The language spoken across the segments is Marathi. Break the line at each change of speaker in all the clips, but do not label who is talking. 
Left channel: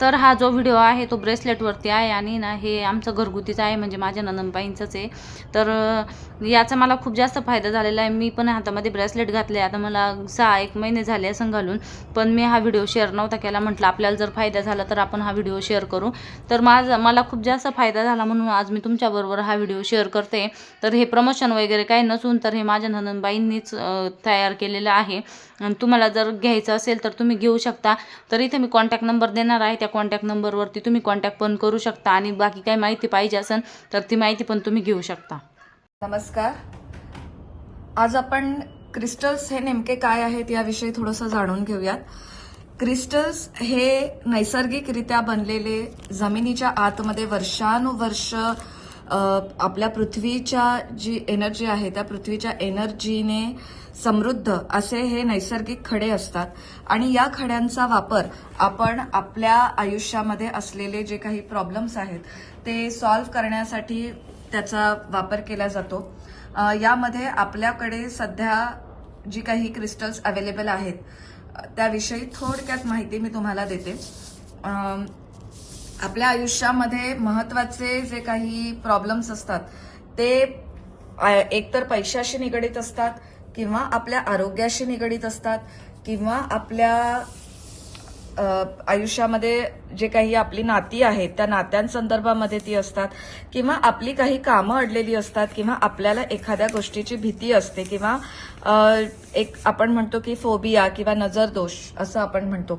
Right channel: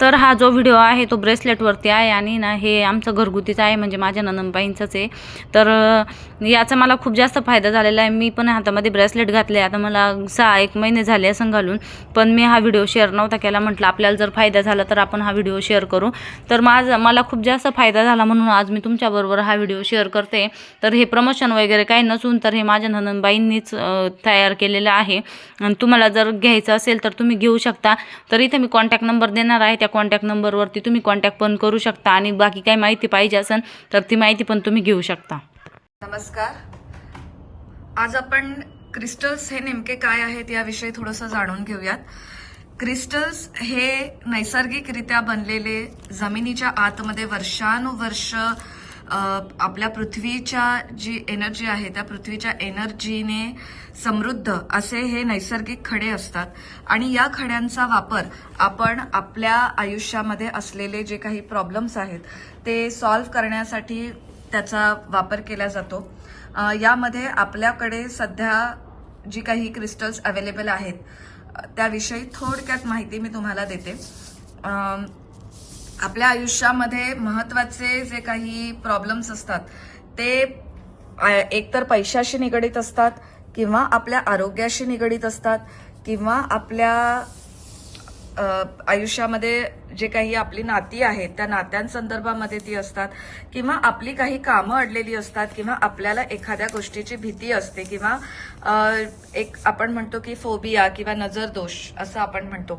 तर हा जो व्हिडिओ आहे तो ब्रेसलेटवरती आहे आणि ना हे आमचं घरगुतीचं आहे म्हणजे माझ्या ननंदबाईंचंच आहे. तर याचा मला खूप जास्त फायदा झालेला आहे. मी पण हातामध्ये ब्रेसलेट घातले. आता मला सहा एक महिने झाले असं घालून. पण मी हा व्हिडिओ शेअर नव्हता केला. म्हटलं आपल्याला जर फायदा झाला तर आपण हा व्हिडिओ शेअर करू. तर माझा मला खूप जास्त फायदा झाला म्हणून आज मी तुमच्याबरोबर हा व्हिडिओ शेअर करते. तर हे प्रमोशन वगैरे काही नसून तर हे माझ्या ननंदबाईंनीच तयार केलेलं आहे. आणि तुम्हाला जर घ्यायचं असेल तर तुम्ही घेऊ शकता. तर इथे मी कॉन्टॅक्ट नंबर देणार आहे. त्या कॉन्टॅक्ट नंबरवरती तुम्ही कॉन्टॅक्ट पण करू शकता आणि बाकी काही माहिती पाहिजे असेल तर ती माहिती पण तुम्ही घेऊ शकता.
नमस्कार. आज आपण क्रिस्टल्स हे नेमके काय आहेत याविषयी थोडंसं जाणून घेऊयात. क्रिस्टल्स हे नैसर्गिकरित्या बनलेले जमिनीच्या आतमध्ये वर्षानुवर्ष आपल्या पृथ्वीच्या जी एनर्जी आहे त्या पृथ्वीच्या एनर्जीने समृद्ध असे हे नैसर्गिक खडे असतात. आणि या खड्यांचा वापर आपण आपल्या आयुष्यामध्ये असलेले जे काही प्रॉब्लेम्स आहेत ते सॉल्व्ह करण्यासाठी त्याचा वापर केला जातो. यामध्ये आपल्याकडे सध्या जी काही क्रिस्टल्स अवेलेबल आहेत त्याविषयी थोडक्यात माहिती मी तुम्हाला देते. आपल्या आयुष्यामध्ये महत्त्वाचे जे काही प्रॉब्लेम्स असतात ते एकतर पैशाशी निगडीत असतात किंवा आपल्या आरोग्याशी निगडीत असतात किंवा आपल्या आयुष्यामध्ये जे काही आपली नाती आहेत त्या नात्यांसंदर्भामध्ये ती असतात किंवा आपली काही कामं अडलेली असतात किंवा आपल्याला एखाद्या गोष्टीची भीती असते किंवा एक आपण म्हणतो की फोबिया किंवा नजर दोष असं आपण म्हणतो.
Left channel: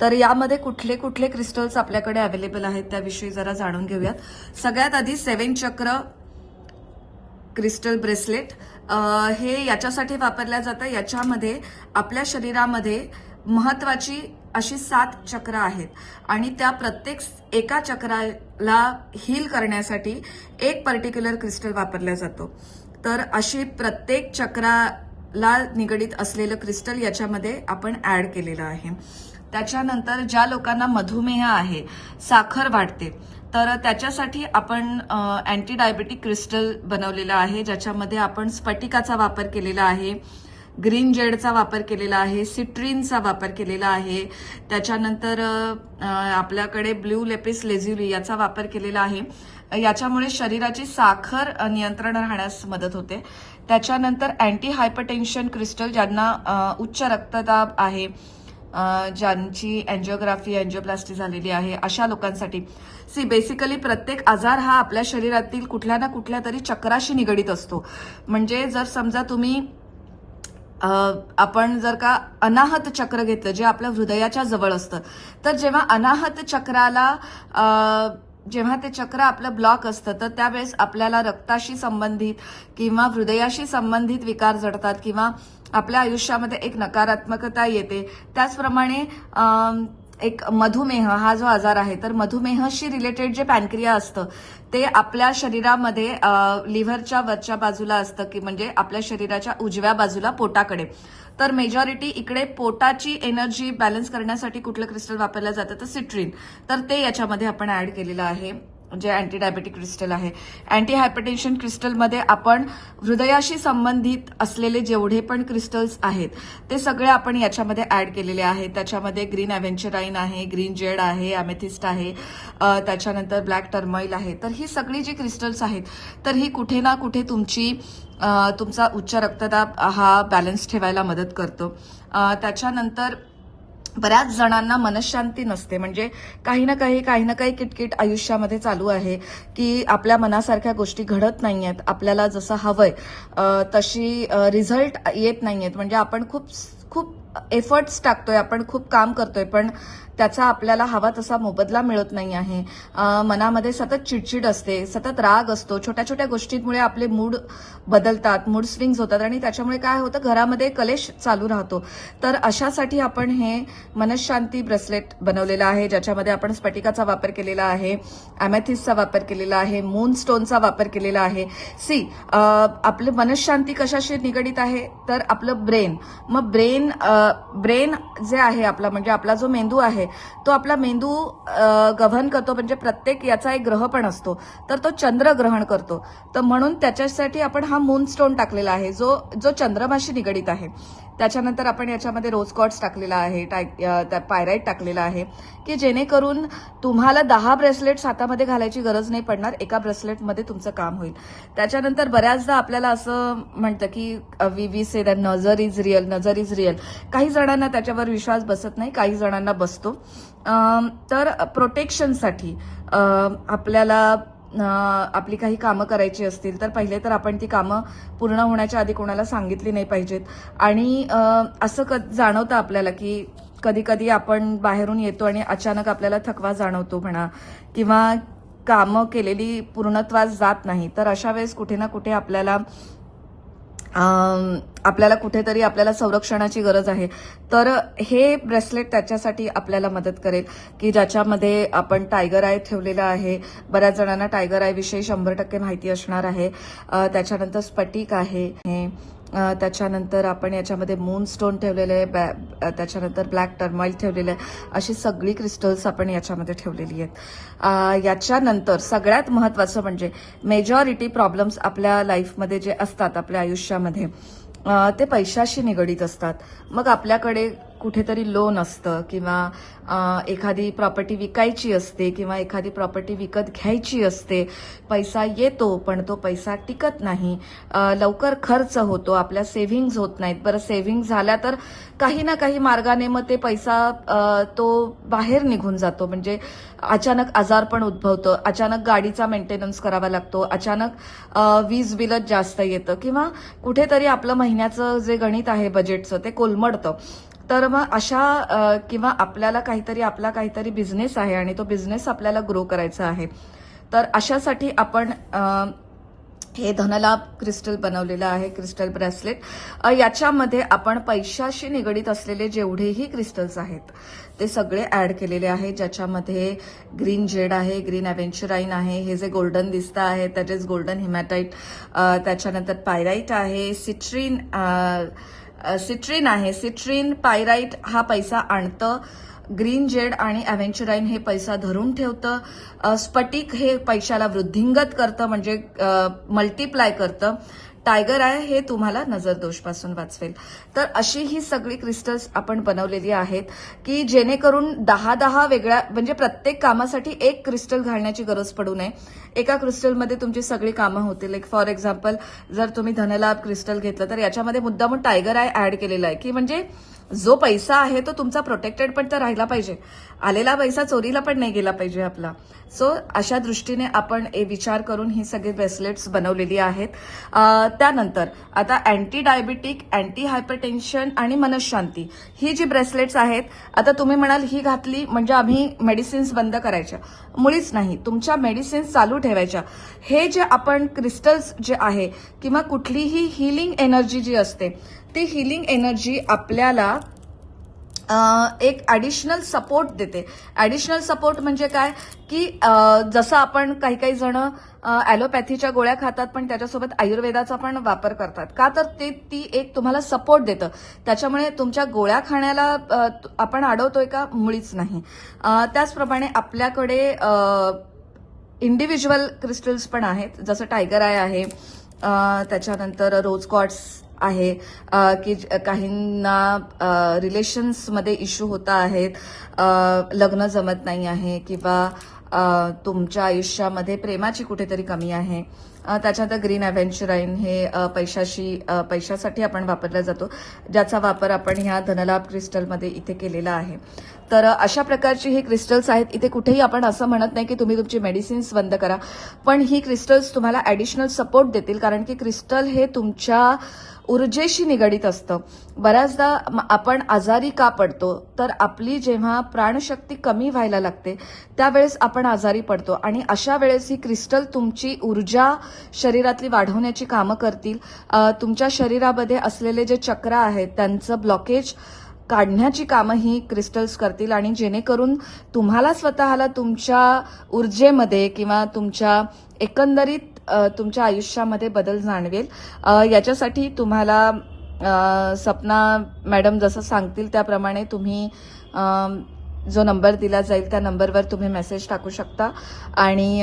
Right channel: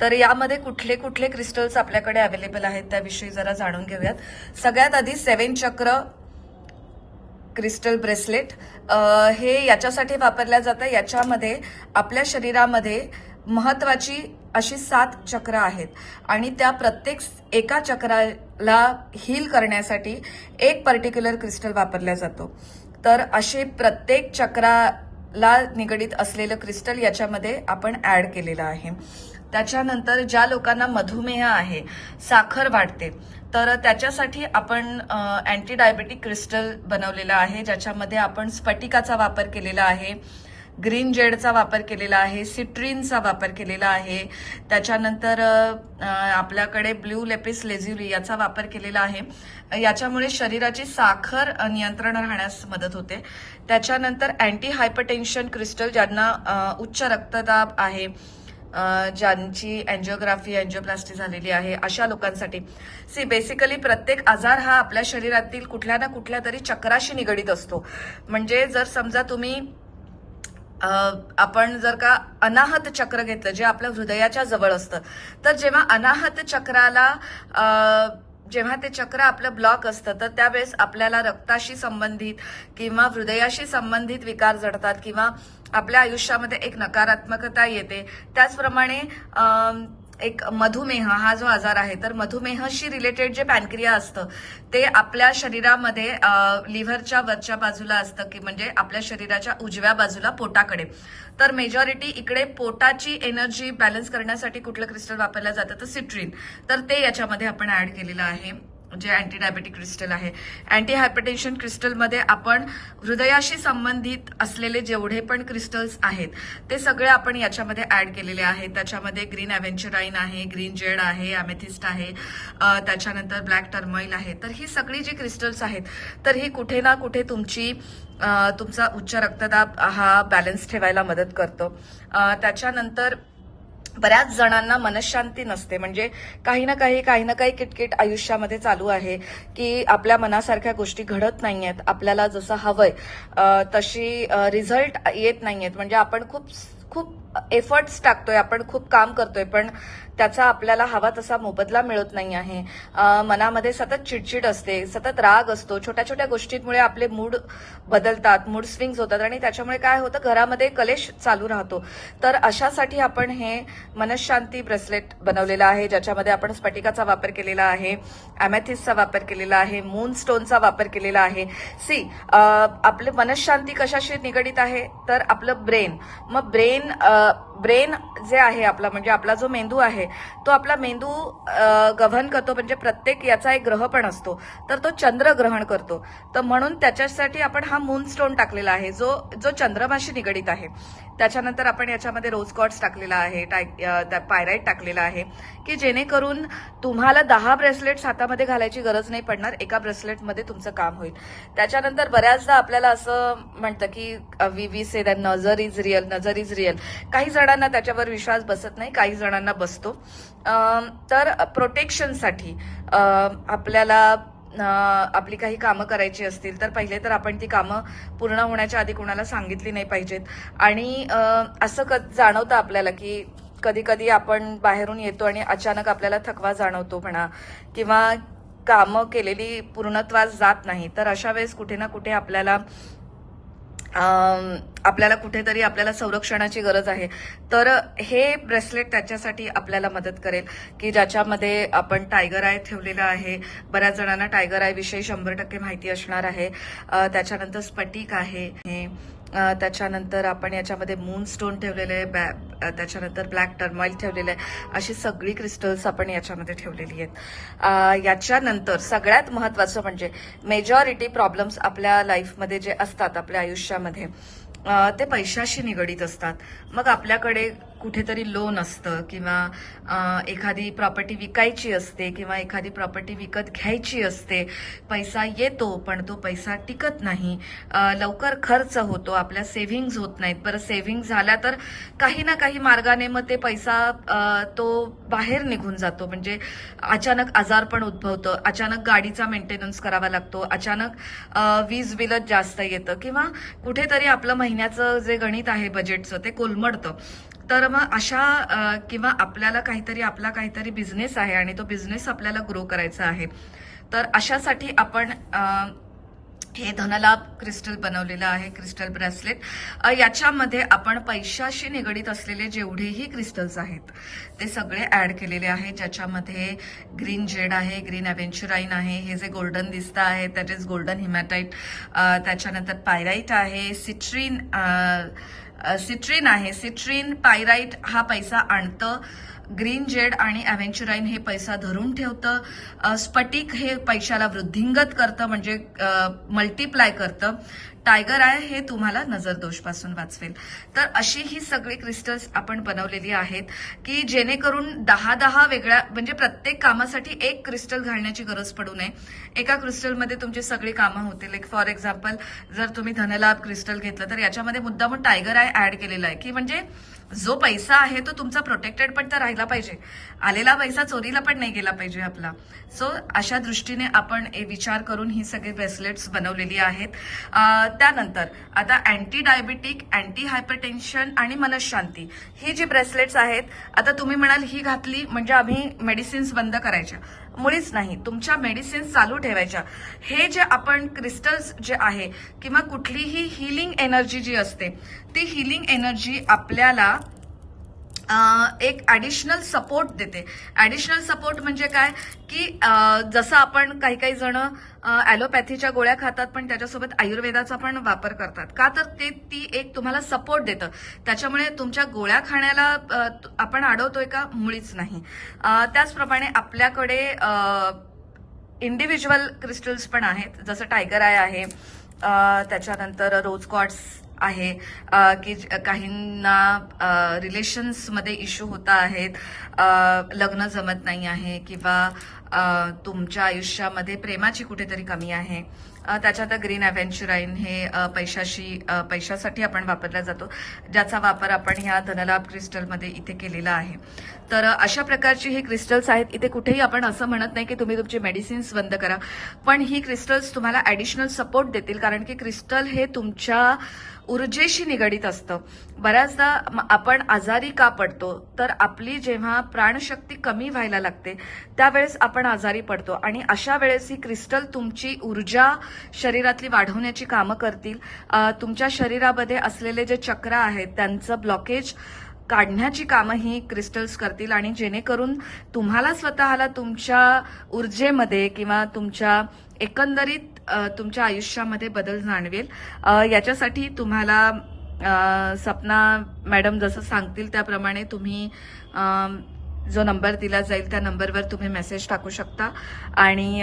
तर यामध्ये कुठले कुठले क्रिस्टल्स आपल्याकडे अवेलेबल आहेत त्याविषयी जरा जाणून घेऊयात. सगळ्यात आधी सेवन चक्र क्रिस्टल ब्रेसलेट हे याच्यासाठी वापरल्या जातं. याच्यामध्ये आपल्या शरीरामध्ये महत्वाची अशी सात चक्र आहेत. आणि त्या प्रत्येक एका चक्राला हील करण्यासाठी एक पर्टिक्युलर क्रिस्टल वापरला जातो. तर अशी प्रत्येक चक्राला निगडीत असलेलं क्रिस्टल याच्यामध्ये आपण ऍड केलेलं आहे. त्याच्यानंतर ज्या लोकांना मधुमेह आहे साखर वाढते तर त्याच्यासाठी आपण अँटी डायबेटिक क्रिस्टल बनवलेलं आहे ज्याच्यामध्ये आपण स्फटिकाचा वापर केलेला आहे. ग्रीन जेडचा वापर केलेला आहे सिट्रीनचा वापर केलेला आहे. त्याच्यानंतर आपल्याकडे ब्ल्यू लेपिस लेझ्युरी याचा वापर केलेला आहे. याच्यामुळे शरीराची साखर नियंत्रण राहण्यास मदत होते. त्याच्यानंतर अँटी हायपरटेन्शन क्रिस्टल ज्यांना उच्च रक्तदाब आहे ज्यांची अँजिओग्राफी अँजिओप्लास्टी झालेली आहे अशा लोकांसाठी. सी बेसिकली प्रत्येक आजार हा आपल्या शरीरातील कुठल्या ना कुठल्या तरी चक्राशी निगडीत असतो. म्हणजे जर समजा तुम्ही आपण जर का अनाहत चक्र घेतलं जे आपल्या हृदयाच्या जवळ असतं तर जेव्हा अनाहत चक्राला जेव्हा ते चक्र आपलं ब्लॉक असतं तर त्यावेळेस आपल्याला रक्ताशी संबंधित किंवा हृदयाशी संबंधित विकार जडतात किंवा आपल्या आयुष्यामध्ये एक नकारात्मकता येते. त्याचप्रमाणे एक मधुमेह हा जो आजार आहे तर मधुमेहशी रिलेटेड जे पॅनक्रिया असतं ते आपल्या शरीरामध्ये लिव्हरच्या वरच्या बाजूला असतं की म्हणजे आपल्या शरीराच्या उजव्या बाजूला पोटाकडे. तर मेजॉरिटी इकडे पोटाची एनर्जी बॅलन्स करण्यासाठी कुठलं क्रिस्टल वापरलं जातं? तर सिट्रीन तर ते याच्यामध्ये आपण ऍड केलेलं आहे. जे अँटी डायबेटिक क्रिस्टल आहे. अँटी हायपरटेन्शन क्रिस्टलमध्ये आपण हृदयाशी संबंधित असलेले जेवढे पण क्रिस्टल्स आहेत ते सगळे आपण याच्यामध्ये ऍड केलेले आहेत. त्याच्यामध्ये ग्रीन अव्हेंचराईन आहे ग्रीन जेड आहे अमेथिस्ट आहे त्याच्यानंतर ब्लॅक टर्माइल आहे. तर ही सगळी जी क्रिस्टल्स आहेत तर ही कुठे ना कुठे तुमची तुमचा उच्च रक्तदाब हा बॅलन्स ठेवायला मदत करतो. त्याच्यानंतर बऱ्याच जणांना मनशांती नसते. म्हणजे काही ना काही काही ना काही किटकिट आयुष्यामध्ये चालू आहे की आपल्या मनासारख्या गोष्टी घडत नाहीयेत. आपल्याला जसं हवंय तशी रिझल्ट येत नाहीयेत. म्हणजे आपण खूप खूप एफर्ट्स टाकतोय आपण खूप काम करतोय. पण त्याचा आपल्याला हवा तसा मोबदला मिळत नाही आहे. मनामध्ये सतत चिडचिड असते सतत राग असतो. छोट्या छोट्या गोष्टींमुळे आपले मूड बदलतात मूड स्विंग्स होतात आणि त्याच्यामुळे काय होतं घरामध्ये कलेश चालू राहतो. तर अशासाठी आपण हे मनशांती ब्रेसलेट बनवलेलं आहे ज्याच्यामध्ये आपण स्फटिकाचा वापर केलेला आहे अमेथिसचा वापर केलेला आहे मून स्टोनचा वापर केलेला आहे. सी आपले मनशांती कशाशी निगडीत आहे? तर आपलं ब्रेन. मग ब्रेन ब्रेन जे आहे आपला म्हणजे आपला जो मेंदू आहे तो आपला मेंदू गव्हर्न करतो म्हणजे प्रत्येक याचा एक ग्रह पण असतो. तर तो चंद्र ग्रहण करतो. तर म्हणून त्याच्यासाठी आपण हा मून स्टोन टाकलेला आहे जो जो चंद्रमाशी निगडीत आहे. त्याच्यानंतर आपण याच्यामध्ये रोज कॉट्स टाकलेला आहे टाय- त्या पायराईट टाकलेला आहे की जेणेकरून तुम्हाला दहा ब्रेसलेट्स हातामध्ये घालायची गरज नाही पडणार एका ब्रेसलेटमध्ये तुमचं काम होईल. त्याच्यानंतर बऱ्याचदा आपल्याला असं म्हणतं की we we say that nazar is real nazar is real काही जणांना त्याच्यावर विश्वास बसत नाही काही जणांना बसतो. तर प्रोटेक्शनसाठी आपल्याला आपली काही कामं करायची असतील तर पहिले तर आपण ती कामं पूर्ण होण्याच्या आधी कोणाला सांगितली नाही पाहिजेत. आणि असं क जाणवतं आपल्याला की कधी कधी आपण बाहेरून येतो आणि अचानक आपल्याला थकवा जाणवतो म्हणा किंवा कामं केलेली पूर्णत्वास जात नाही. तर अशा वेळेस कुठे ना कुठे आपल्याला आपल्याला कुठेतरी आपल्याला संरक्षणाची गरज आहे. तर हे ब्रेसलेट त्याच्यासाठी आपल्याला मदत करेल की ज्याच्यामध्ये आपण टायगर आय ठेवलेला आहे. बऱ्याच जणांना टायगर आय विषयी शंभर टक्के माहिती असणार आहे. त्याच्यानंतर स्फटिक आहे. हे, त्याच्यानंतर आपण याच्यामध्ये मून स्टोन ठेवलेले आहे बॅ- त्याच्यानंतर ब्लॅक टर्माइल ठेवलेले आहे अशी सगळी क्रिस्टल्स आपण याच्यामध्ये ठेवलेली आहेत. याच्यानंतर सगळ्यात महत्वाचं म्हणजे मेजॉरिटी प्रॉब्लेम्स आपल्या लाईफमध्ये जे असतात आपल्या आयुष्यामध्ये ते पैशाशी निगडीत असतात. मग आपल्याकडे कुठेतरी लोन असतं किंवा एखादी प्रॉपर्टी विकायची असते किंवा एखादी प्रॉपर्टी विकत घ्यायची असते पैसा येतो पण तो पैसा टिकत नाही. लवकर खर्च होतो आपल्या सेव्हिंग्ज होत नाहीत. बरं सेव्हिंग झाल्या तर काही ना काही मार्गाने मग ते पैसा तो बाहेर निघून जातो. म्हणजे अचानक आजार पण उद्भवतं अचानक गाडीचा मेंटेनन्स करावा लागतो अचानक वीज बिलच जास्त येतं किंवा कुठेतरी आपलं महिन्याचं जे गणित आहे बजेटचं ते कोलमडतं. तर मग अशा किंवा आपल्याला काहीतरी आपला काहीतरी बिझनेस आहे आणि तो बिझनेस आपल्याला ग्रो करायचा आहे. तर अशासाठी आपण हे धनलाभ क्रिस्टल बनवलेलं आहे क्रिस्टल ब्रेसलेट याच्यामध्ये आपण पैशाशी निगडीत असलेले जेवढेही क्रिस्टल्स आहेत ते सगळे ऍड केलेले आहेत. ज्याच्यामध्ये ग्रीन जेड आहे ग्रीन ॲव्हेंचुराईन आहे हे जे गोल्डन दिसतं आहे त्याचेच गोल्डन हिमॅटाईट त्याच्यानंतर पायराईट आहे सिट्रीन सिट्रीन आहे. सिट्रीन पायराईट हा पैसा आणतं. ग्रीन जेड आणि अव्हेंचुराईन हे पैसा धरून ठेवतं. स्फटिक हे पैशाला वृद्धिंगत करतं म्हणजे मल्टिप्लाय करतं. टायगर आहे हे तुम्हाला नजरदोषपासून वाचवेल. तर अशी ही सगळी क्रिस्टल्स आपण बनवलेली आहेत की जेणेकरून दहा दहा वेगळ्या म्हणजे प्रत्येक कामासाठी एक क्रिस्टल घालण्याची गरज पडू नये. एका क्रिस्टलमध्ये तुमची सगळी कामं होतील. एक फॉर एक्झाम्पल जर तुम्ही धनलाभ क्रिस्टल घेतलं तर याच्यामध्ये मुद्दामून टायगर आय ऍड केलेला आहे की म्हणजे जो पैसा आहे तो तुमचा प्रोटेक्टेड पण तर राहिला पाहिजे. आलेला पैसा चोरीला पण नाही गेला पाहिजे आपला. सो अशा दृष्टीने आपण विचार करून ही सगळी ब्रेसलेट्स बनवलेली आहेत. त्यानंतर आता अँटी डायबिटिक अँटी हायपरटेन्शन आणि मनशांती ही जी ब्रेसलेट्स आहेत आता तुम्ही म्हणाल ही घातली म्हणजे आम्ही मेडिसिन्स बंद करायच्या. मुळीच नाही तुमच्या मेडिसिन्स चालू ठेवायच्या. हे जे आपण क्रिस्टल्स जे आहे किंवा कुठलीही हिलिंग एनर्जी जी असते ती हिलिंग एनर्जी आपल्याला एक ॲडिशनल सपोर्ट देते. ॲडिशनल सपोर्ट म्हणजे काय? की जसं आपण काही काही जण ॲलोपॅथीच्या गोळ्या खातात पण त्याच्यासोबत आयुर्वेदाचा पण वापर करतात. का तर ते ती एक तुम्हाला सपोर्ट देतं. त्याच्यामुळे तुमच्या गोळ्या खाण्याला आपण अडवतोय का? मुळीच नाही. त्याचप्रमाणे आपल्याकडे इंडिव्हिज्युअल क्रिस्टल्स पण आहेत. जसं टायगर आय आहे. त्याच्यानंतर रोज कॉट्स आहे की काहींना रिलेशन्समध्ये इश्यू होता आहेत लग्न जमत नाही आहे किंवा तुमच्या आयुष्यामध्ये प्रेमाची कुठेतरी कमी आहे. त्याच्यानंतर ग्रीन अव्हेंचुराईन हे पैशाशी पैशासाठी आपण वापरला जातो ज्याचा वापर आपण ह्या धनलाभ क्रिस्टलमध्ये इथे केलेला आहे. तर अशा प्रकारची हे क्रिस्टल्स आहेत. इथे कुठेही आपण असं म्हणत नाही की तुम्ही तुमची मेडिसिन्स बंद करा. पण ही क्रिस्टल्स तुम्हाला ॲडिशनल सपोर्ट देतील कारण की क्रिस्टल हे तुमच्या ऊर्जेशी निगडीत असतं. बऱ्याचदा आपण आजारी का पडतो तर आपली जेव्हा प्राणशक्ती कमी व्हायला लागते त्यावेळेस आपण आजारी पडतो. आणि अशा वेळेस ही क्रिस्टल तुमची ऊर्जा शरीरातली वाढवण्याची कामं करतील. तुमच्या शरीरामध्ये असलेले जे चक्र आहेत त्यांचं ब्लॉकेज काढण्याची कामं ही क्रिस्टल्स करतील आणि जेणेकरून तुम्हाला स्वतःला तुमच्या ऊर्जेमध्ये किंवा तुमच्या एकंदरीत तुमच्या आयुष्यामध्ये बदल जाणवेल. याच्यासाठी तुम्हाला सपना मॅडम जसं सांगतील त्याप्रमाणे तुम्ही जो नंबर दिला जाईल त्या नंबरवर तुम्ही मेसेज टाकू शकता. आणि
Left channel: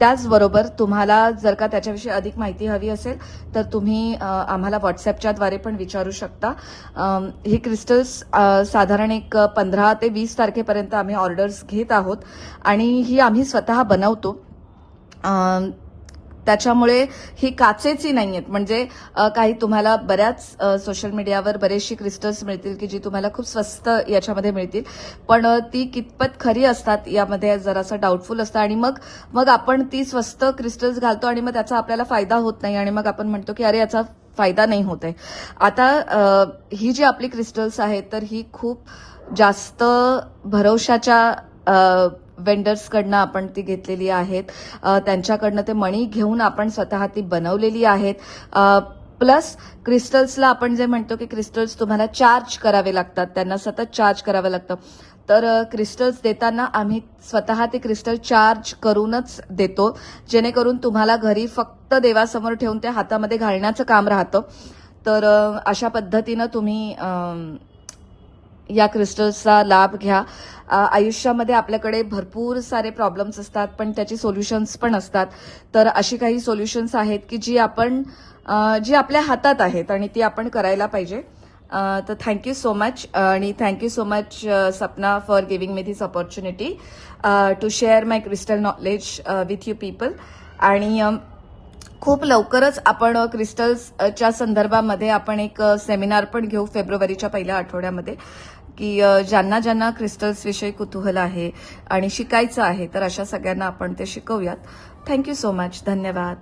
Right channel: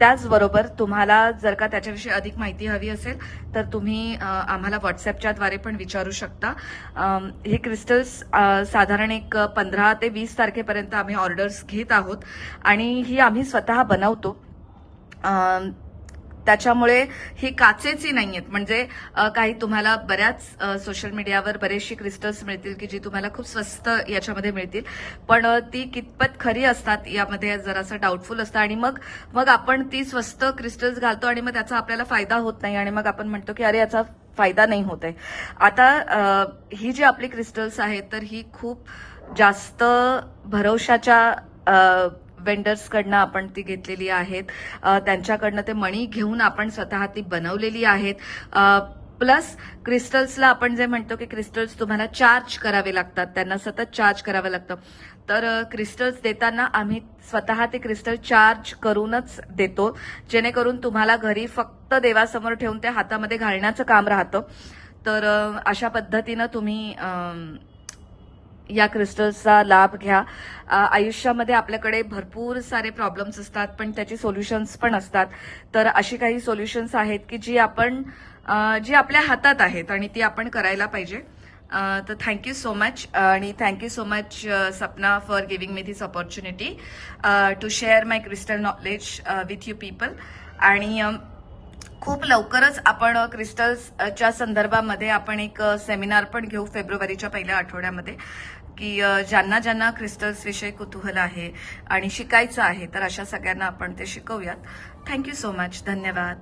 त्याचबरोबर तुम्हाला जर का त्याच्याविषयी अधिक माहिती हवी असेल तर तुम्ही आम्हाला व्हॉट्सॲपच्याद्वारे पण विचारू शकता. हे क्रिस्टल्स साधारण एक पंधरा ते वीस तारखेपर्यंत आम्ही ऑर्डर्स घेत आहोत. आणि ही आम्ही स्वतः बनवतो. त्याच्यामुळे ही काचेची नाही आहेत म्हणजे काही तुम्हाला बऱ्याच सोशल मीडियावर बरेचशी क्रिस्टल्स मिळतील की जी तुम्हाला खूप स्वस्त याच्यामध्ये मिळतील. पण ती कितपत खरी असतात यामध्ये जरासं डाऊटफुल असतं. आणि मग मग आपण ती स्वस्त क्रिस्टल्स घालतो आणि मग त्याचा आपल्याला फायदा होत नाही. आणि मग आपण म्हणतो की अरे याचा फायदा नाही होत आहे. आता ही जी आपली क्रिस्टल्स आहेत तर ही खूप जास्त भरवशाच्या वेंडर्सकडनं आपण ती घेतलेली आहेत. त्यांच्याकडनं ते मणी घेऊन आपण स्वतः ती बनवलेली आहेत. प्लस क्रिस्टल्सला आपण जे म्हणतो की क्रिस्टल्स तुम्हाला चार्ज करावे लागतात. त्यांना सतत चार्ज करावं लागतं. तर क्रिस्टल्स देताना आम्ही स्वतः ते क्रिस्टल चार्ज करूनच देतो. जेणेकरून तुम्हाला घरी फक्त देवासमोर ठेवून ते हातामध्ये घालण्याचं काम राहतं. तर अशा पद्धतीनं तुम्ही या क्रिस्टल्सचा लाभ घ्या. आयुष्यामध्ये आपल्याकडे भरपूर सारे प्रॉब्लेम्स असतात पण त्याची सोल्युशन्स पण असतात. तर अशी काही सोल्युशन्स आहेत की जी आपण जी आपल्या हातात आहेत आणि ती आपण करायला पाहिजे. तर थँक्यू सो मच आणि thank you so much Sapna for giving me this opportunity to share my crystal knowledge with you people आणि खूप लवकरच आपण क्रिस्टल्सच्या संदर्भामध्ये आपण एक सेमिनार पण घेऊ फेब्रुवारीच्या पहिल्या आठवड्यामध्ये की ज्यांना ज्यांना क्रिस्टल्स विषयी कुतूहल आहे आणि शिकायचं आहे तर अशा सगळ्यांना आपण ते शिकवूयात. थँक्यू सो मच धन्यवाद.